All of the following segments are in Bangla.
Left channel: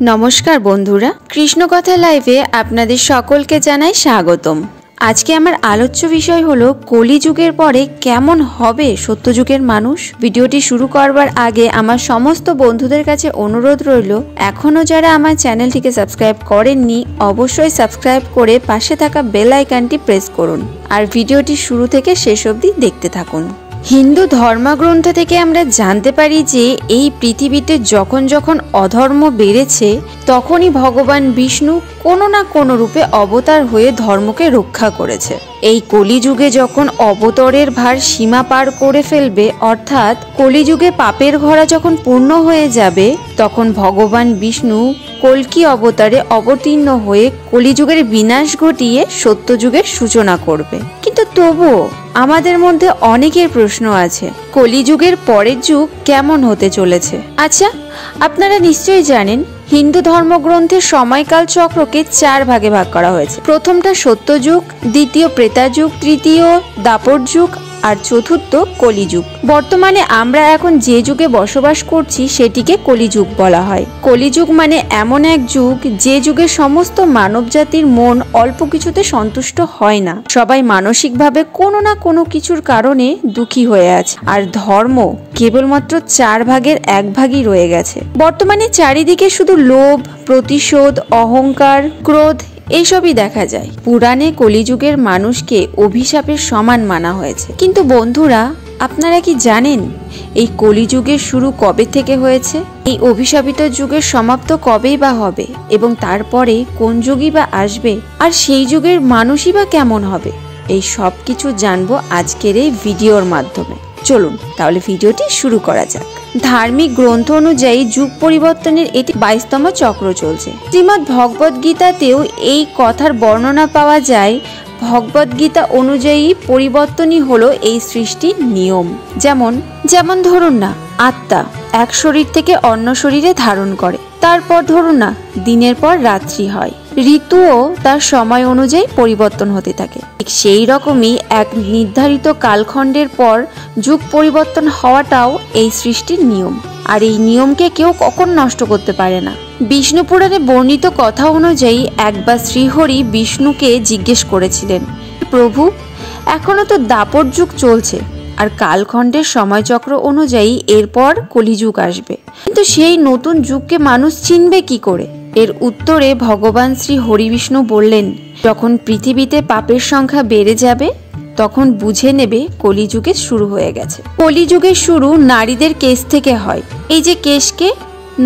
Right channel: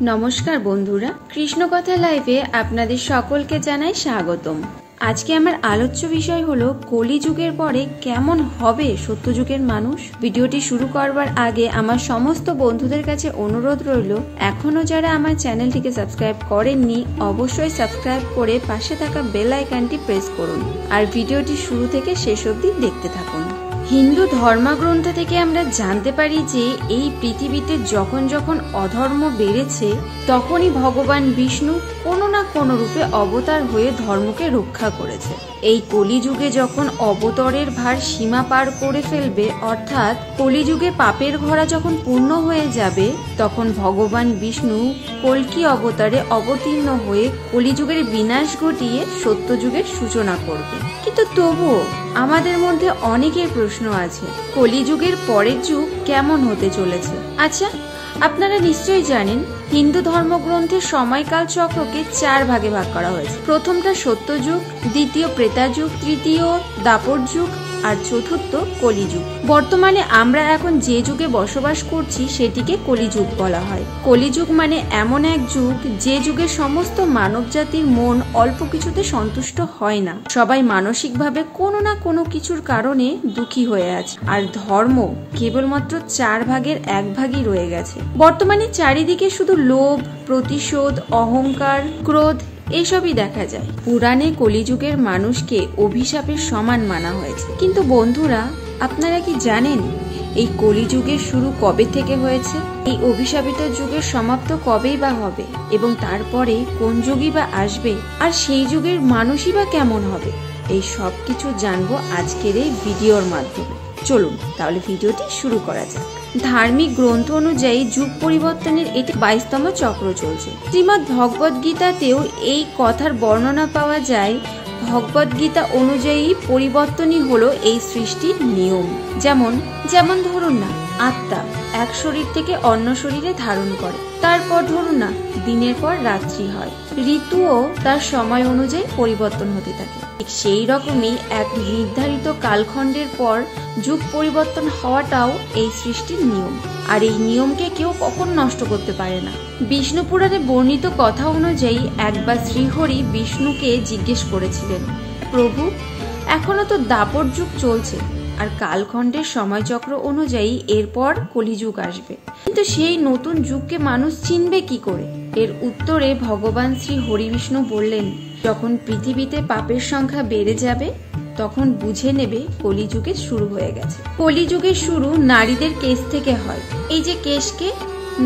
नमस्कार बंधुरा कृष्णकथा लाइवे आपनादेर सकलके जानाई स्वागतम। आजके आमार आलोच्य विषय हलो कलिजुगेर परे केमन हबे सत्यजुगेर मानुष। भिडियोटी शुरू करबार आगे आमार समस्त बंधुदेर काछे अनुरोध रइलो एखोनो जारा आमार चैनलटिके सबस्क्राइब करेननि अवश्यई सबस्क्राइब करे पाशे थाका बेल आइकनटी प्रेस करुन और भिडियोटी शुरू थेके शेष अब्दि देखते थाकुन। हिंदू धर्मग्रंथ থেকে আমরা জানতে পারি যে এই পৃথিবীতে যখন যখন অধর্ম বেড়েছে তখনই ভগবান বিষ্ণু কোনো না কোনো রূপে অবতার হয়ে ধর্মকে রক্ষা করেছে। এই কলিযুগে যখন অবতারের ভার সীমা পার করে ফেলবে অর্থাৎ কলিযুগে পাপের ঘোড়া যখন পূর্ণ হয়ে যাবে তখন ভগবান বিষ্ণু কল্কি অবতারে অবতীর্ণ হয়ে কলিযুগের বিনাশ ঘটিয়ে সত্যযুগের সূচনা করবে। কিন্তু তবুও আমাদের মধ্যে অনেকের প্রশ্ন আছে কলিযুগের পরের যুগ কেমন হতে চলেছে। আচ্ছা, আপনারা নিশ্চয়ই জানেন হিন্দু ধর্মগ্রন্থের সময়কাল চক্রকে 4 ভাগে ভাগ করা হয়েছে। প্রথমটা সত্যযুগ, দ্বিতীয় ত্রেতাযুগ, তৃতীয় দাপর যুগ আর চতুর্থ কলিযুগ। বর্তমানে আমরা এখন যে যুগে বসবাস করছি সেটিকে কলিযুগ বলা হয়। কলিযুগ মানে এমন এক যুগ যে যুগে সমস্ত মানব জাতির মন অল্প কিছুতে সন্তুষ্ট হয় না। সবাই মানসিকভাবে কোনো না কোনো কিছুর কারণে দুঃখী হয়ে আছে আর ধর্ম কেবলমাত্র 4 ভাগের 1 ভাগই রয়ে গেছে। বর্তমানে চারিদিকে শুধু লোভ, প্রতিশোধ, অহংকার, ক্রোধ এইসবই দেখা যায়। পুরাণে কলিযুগের মানুষকে অভিশাপের সমান মানা হয়েছে। কিন্তু বন্ধুরা, আপনারা কি জানেন এই কলিযুগের শুরু কবে থেকে হয়েছে? এই অভিশাপিত যুগের সমাপ্ত কবেই বা হবে এবং তারপরে কোন যুগই বা আসবে আর সেই যুগের মানুষই বা কেমন হবে? এই সব কিছু জানবো আজকের এই ভিডিওর মাধ্যমে। চলুন তাহলে ভিডিওটি শুরু করা যাক। ধার্মিক গ্রন্থ অনুযায়ী যুগ পরিবর্তনের এটি 22তম চক্র চলছে। শ্রীমদ্ ভগবদ গীতাতেও এই কথার বর্ণনা পাওয়া যায়। ভগবদ গীতা অনুযায়ী পরিবর্তনই হলো এই সৃষ্টির নিয়ম। যেমন ধরুন না, আত্মা এক শরীর থেকে অন্য শরীরে ধারণ করে, তারপর ধরুন না দিনের পর রাত্রি হয়, ঋতুও তার সময় অনুযায়ী পরিবর্তন হতে থাকে। ঠিক সেই রকমই এক নির্ধারিত কালখণ্ডের পর যুগ পরিবর্তন হওয়াটাও এই সৃষ্টির নিয়ম আর এই নিয়মকে কেউ কখন নষ্ট করতে পারে না। বিষ্ণু পুরাণে বর্ণিত কথা অনুযায়ী একবার শ্রীহরি বিষ্ণুকে জিজ্ঞেস করেছিলেন, প্রভু এখনো তো দাপর যুগ চলছে আর কালখণ্ডের সময়চক্র অনুযায়ী এরপর কলিযুগ আসবে, কিন্তু সেই নতুন যুগকে মানুষ চিনবে কি করে? এর উত্তরে ভগবান শ্রী হরি বিষ্ণু বললেন, যখন পৃথিবীতে পাপের সংখ্যা বেড়ে যাবে তখন বুঝে নেবে কলিযুগের শুরু হয়ে গেছে। কলিযুগের শুরু নারীদের কেশ থেকে হয়। এই যে কেশকে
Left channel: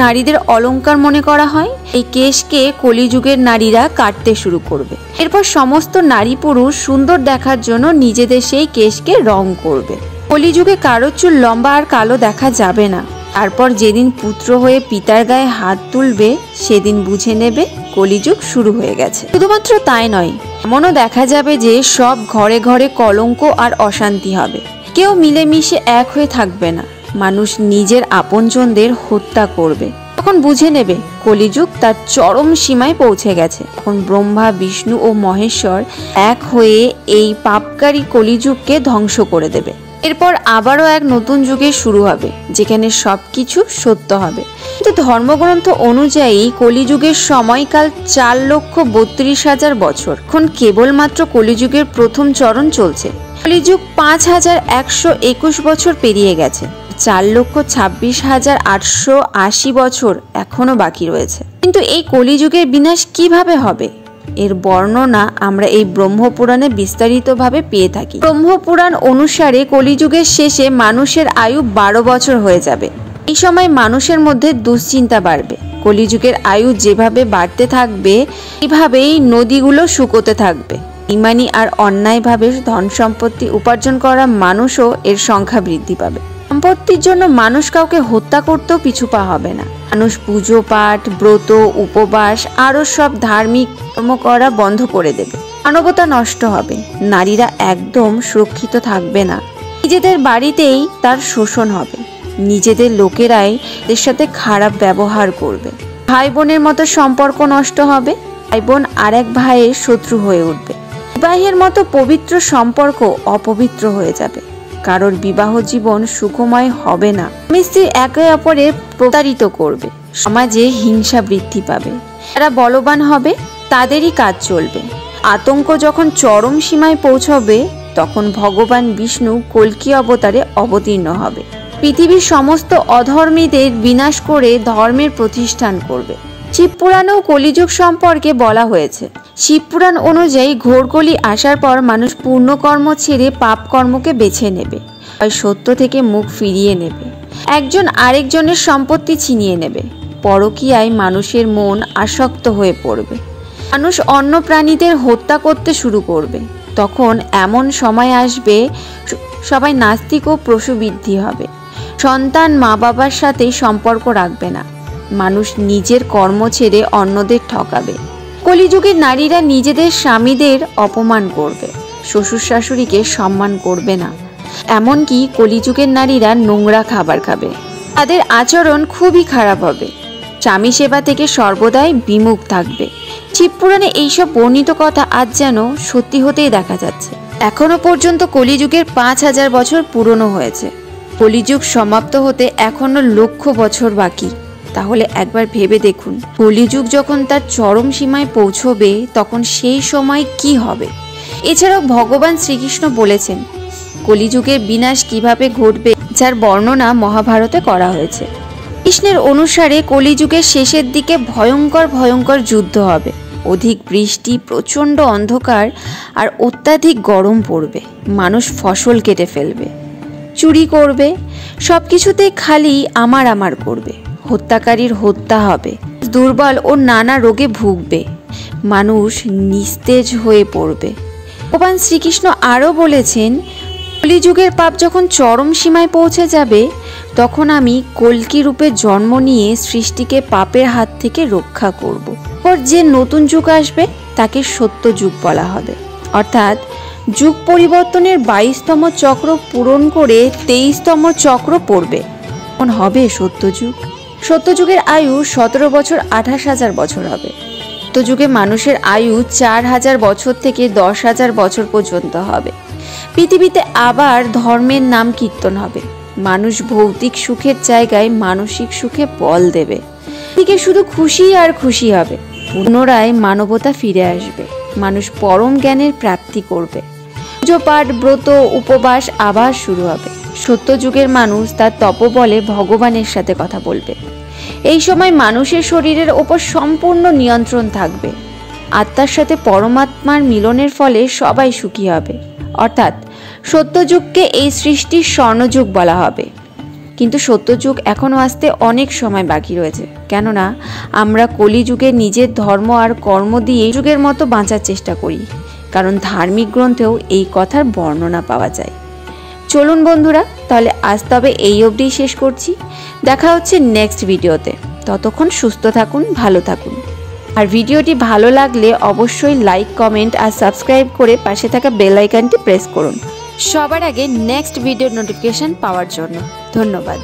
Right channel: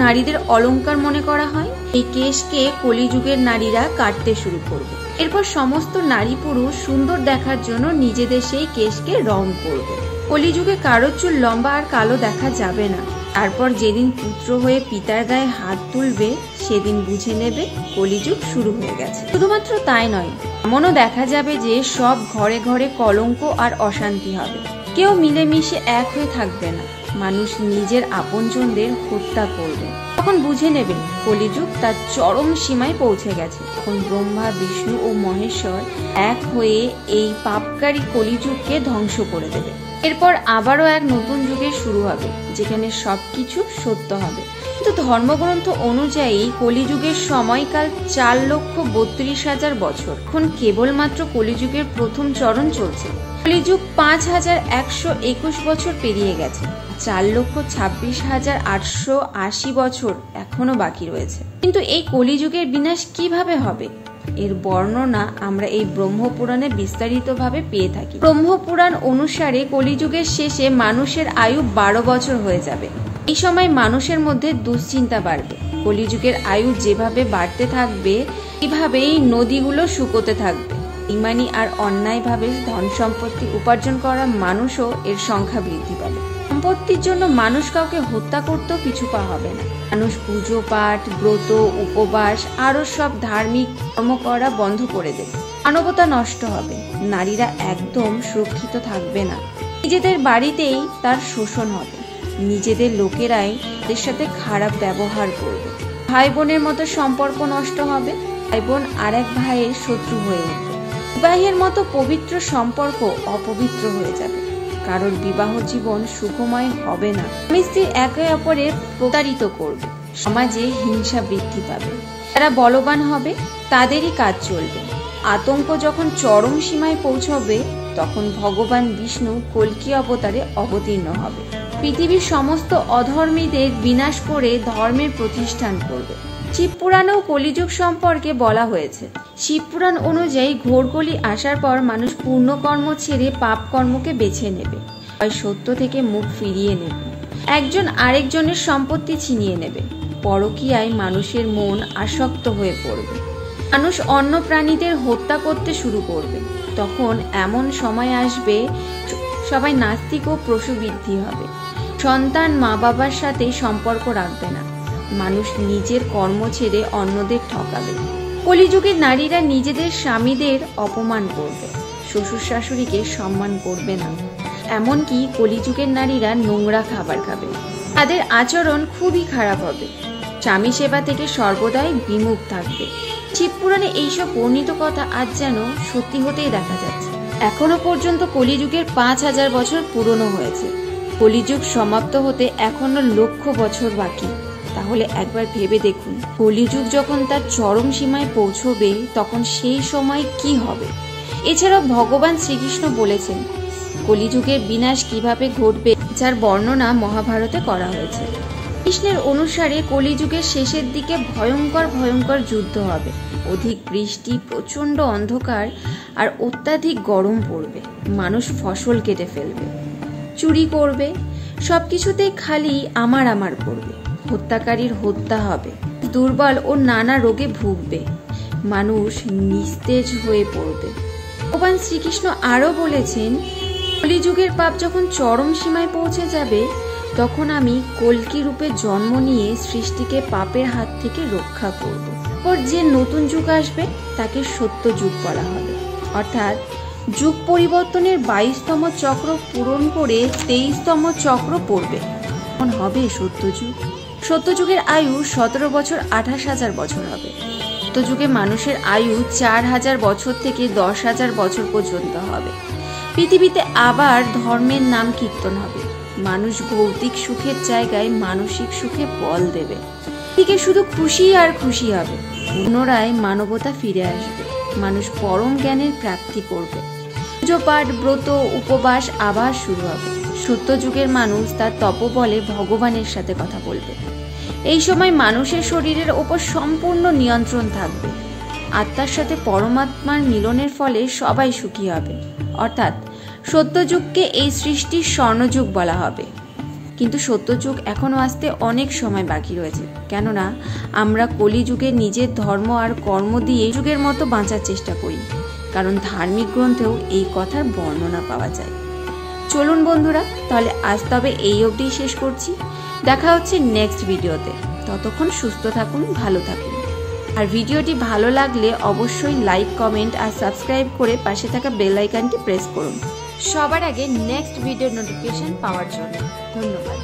নারীদের অলংকার মনে করা হয়, এই কেশকে কলিযুগের নারীরা কাটতে শুরু করবে। এরপর সমস্ত নারী পুরুষ সুন্দর দেখার জন্য নিজেদের সেই কেশকে রং করবে। কলিযুগে কারো চুল লম্বা আর কালো দেখা যাবে না। তারপর যেদিন পুত্র হয়ে পিতার গায়ে হাত তুলবে সেদিন বুঝে নেবে কলিযুগ শুরু হয়ে গেছে। শুধুমাত্র তাই নয়, এমনও দেখা যাবে যে সব ঘরে ঘরে কলঙ্ক আর অশান্তি হবে। কেউ মিলেমিশে এক হয়ে থাকবে না, মানুষ নিজের আপনজনদের হত্যা করবে। তখন বুঝে নেবে কলিযুগ তার চরম সীমায় পৌঁছে গেছে। তখন ব্রহ্মা, বিষ্ণু ও মহেশ্বর এক হয়ে এই পাপকারী কলিযুগকে ধ্বংস করে দেবে। এরপর আবারও এক নতুন যুগের শুরু হবে যেখানে সবকিছু সত্য হবে। কিন্তু ধর্মগ্রন্থ অনুযায়ী কলিযুগের সময়কাল 4,32,000 বছর। এখন কেবলমাত্র কলিযুগের প্রথম চরণ চলছে। কলিযুগ 5,121 বছর পেরিয়ে গেছে। 4,26,880 বছর এখনো বাকি রয়েছে। কিন্তু এই কলিযুগের বিনাশ কিভাবে হবে এর বর্ণনা আমরা এই ব্রহ্মপুরাণে বিস্তারিতভাবে পেয়ে থাকি। ব্রহ্মপুরাণ অনুসারে কলিযুগের শেষে মানুষের আয়ু 12 বছর হয়ে যাবে। এই সময় মানুষের মধ্যে দুশ্চিন্তা বাড়বে। কলিযুগের আয়ু যেভাবে বাড়তে থাকবে এইভাবেই নদীগুলো শুকোতে থাকবে। ইমানি আর অন্যায়ভাবে ধন সম্পত্তি উপার্জন করা মানুষও এর সংখ্যা বৃদ্ধি পাবে। সম্পত্তির জন্য মানুষ কাউকে হত্যা করতেও পিছু পা হবে না। মানুষ পুজো পাঠ, ব্রত, উপবাস আরো সব ধার্মিক কর্ম করা বন্ধ করে দেবে। মানবতা নষ্ট হবে। নারীরা একদম সুরক্ষিত থাকবে না। নিজেদের বাড়িতেই তার শোষণ হবে। নিজেদের লোকেরাই এর সাথে খারাপ ব্যবহার করবে। ভাই বোনের মতো সম্পর্ক নষ্ট হবে। ভাই বোন আরেক ভাইয়ের শত্রু হয়ে উঠবে। বিবাহের মতো পবিত্র সম্পর্ক অপবিত্র হয়ে যাবে। কারোর বিবাহ জীবন সুখময় হবে না। স্বামী স্ত্রী একে অপরের প্রতারিত করবে। সমাজে হিংসা বৃদ্ধি পাবে। যারা বলবান হবে তাদেরই কাজ চলবে। আতঙ্ক যখন চরম সীমায় পৌঁছবে তখন ভগবান বিষ্ণু কল্কি অবতারে অবতীর্ণ হবে। পৃথিবীর সমস্ত অধর্মীদের বিনাশ করে ধর্মের প্রতিষ্ঠান করবে। শিবপুরাণেও কলিযুগ সম্পর্কে বলা হয়েছে। শিবপুরাণ অনুযায়ী ঘোরকলি আসার পর মানুষ পূর্ণকর্ম ছেড়ে পাপ কর্মকে বেছে নেবে, হয় সত্য থেকে মুখ ফিরিয়ে নেবে, একজন আরেকজনের সম্পত্তি ছিনিয়ে নেবে, পরকীয়ায় মানুষের মন আসক্ত হয়ে পড়বে, মানুষ অন্য প্রাণীদের হত্যা করতে শুরু করবে। তখন এমন সময় আসবে সবাই নাস্তিক ও প্রসূবৃদ্ধি হবে। সন্তান মা বাবার সাথে সম্পর্ক রাখবে না, মানুষ নিজের কর্ম ছেড়ে অন্যদের ঠকাবে। কলিযুগের নারীরা নিজেদের স্বামীদের অপমান করবে, শ্বশুর শাশুড়িকে সম্মান করবে না। এমনকি কলিযুগের নারীরা নোংরা খাবার খাবে, তাদের আচরণ খুবই খারাপ হবে, স্বামী সেবা থেকে সর্বদাই বিমুখ থাকবে। শিবপুরাণে এইসব বর্ণিত কথা আজ যেন সত্যি হতেই দেখা যাচ্ছে। এখনো পর্যন্ত কলিযুগের 5000 বছর পুরনো হয়েছে। কলিযুগ সমাপ্ত হতে এখনো লক্ষ বছর বাকি। তাহলে একবার ভেবে দেখুন, কলিযুগ যখন তার চরম সীমায় পৌঁছবে তখন সেই সময় কি হবে। এছাড়াও ভগবান শ্রীকৃষ্ণ বলেছেন কলিযুগের বিনাশ কিভাবে ঘটবে, যার বর্ণনা মহাভারতে করা হয়েছে। কৃষ্ণের অনুসারে কলিযুগের শেষের দিকে ভয়ঙ্কর ভয়ঙ্কর যুদ্ধ হবে, অধিক বৃষ্টি, প্রচণ্ড অন্ধকার আর অত্যাধিক গরম পড়বে। মানুষ ফসল কেটে ফেলবে, চুরি করবে, সবকিছুতেই খালি আমার আমার করবে। হত্যাকারীর হত্যা হবে, দুর্বল ও নানা রোগে ভুগবে, মানুষ নিস্তেজ হয়ে পড়বে। ভগবান শ্রীকৃষ্ণ আরও বলেছেন কলিযুগের পাপ যখন চরম সীমায় পৌঁছে যাবে তখন আমি কল্কি রূপে জন্ম নিয়ে সৃষ্টিকে পাপের হাত থেকে রক্ষা করব। ওর যে নতুন যুগ আসবে তাকে সত্য যুগ বলা হবে। অর্থাৎ যুগ পরিবর্তনের 22তম চক্র পূরণ করে 23তম চক্র পড়বে, তখন হবে সত্যযুগ। সত্যযুগের আয়ু 17 বছর 28,000 বছর হবে। সত্যযুগে মানুষের আয়ু 4000 বছর থেকে 10,000 বছর পর্যন্ত হবে। পৃথিবীতে আবার ধর্মের নাম কীর্তন হবে, মানুষ ভৌতিক সুখের জায়গায় মানসিক সুখে বল দেবে। এদিকে শুধু খুশি আর খুশি হবে, পুনরায় মানবতা ফিরে আসবে, মানুষ পরম জ্ঞানের প্রাপ্তি করবে, পুজো পাঠ ব্রত উপবাস আবার শুরু হবে। সত্যযুগের মানুষ তার তপবলে ভগবানের সাথে কথা বলবে। এই সময় মানুষের শরীরের ওপর সম্পূর্ণ নিয়ন্ত্রণ থাকবে। আত্মার সাথে পরমাত্মার মিলনের ফলে সবাই সুখী হবে। অর্থাৎ সত্যযুগকে এই সৃষ্টির স্বর্ণযুগ বলা হবে। কিন্তু সত্যযুগ এখনও আসতে অনেক সময় বাকি রয়েছে, কেননা আমরা কলিযুগে নিজের ধর্ম আর কর্ম দিয়ে যুগের মতো বাঁচার চেষ্টা করি, কারণ ধার্মিক গ্রন্থেও এই কথার বর্ণনা পাওয়া যায়। চলুন বন্ধুরা, তাহলে আজ তবে এই অবধি শেষ করছি। দেখা হচ্ছে নেক্সট ভিডিওতে। ততক্ষণ সুস্থ থাকুন, ভালো থাকুন। আর ভিডিওটি ভালো লাগলে অবশ্যই লাইক, কমেন্ট আর সাবস্ক্রাইব করে পাশে থাকা বেল আইকনটি প্রেস করুন সবার আগে নেক্সট ভিডিওর নোটিফিকেশন পাওয়ার জন্য। ধন্যবাদ।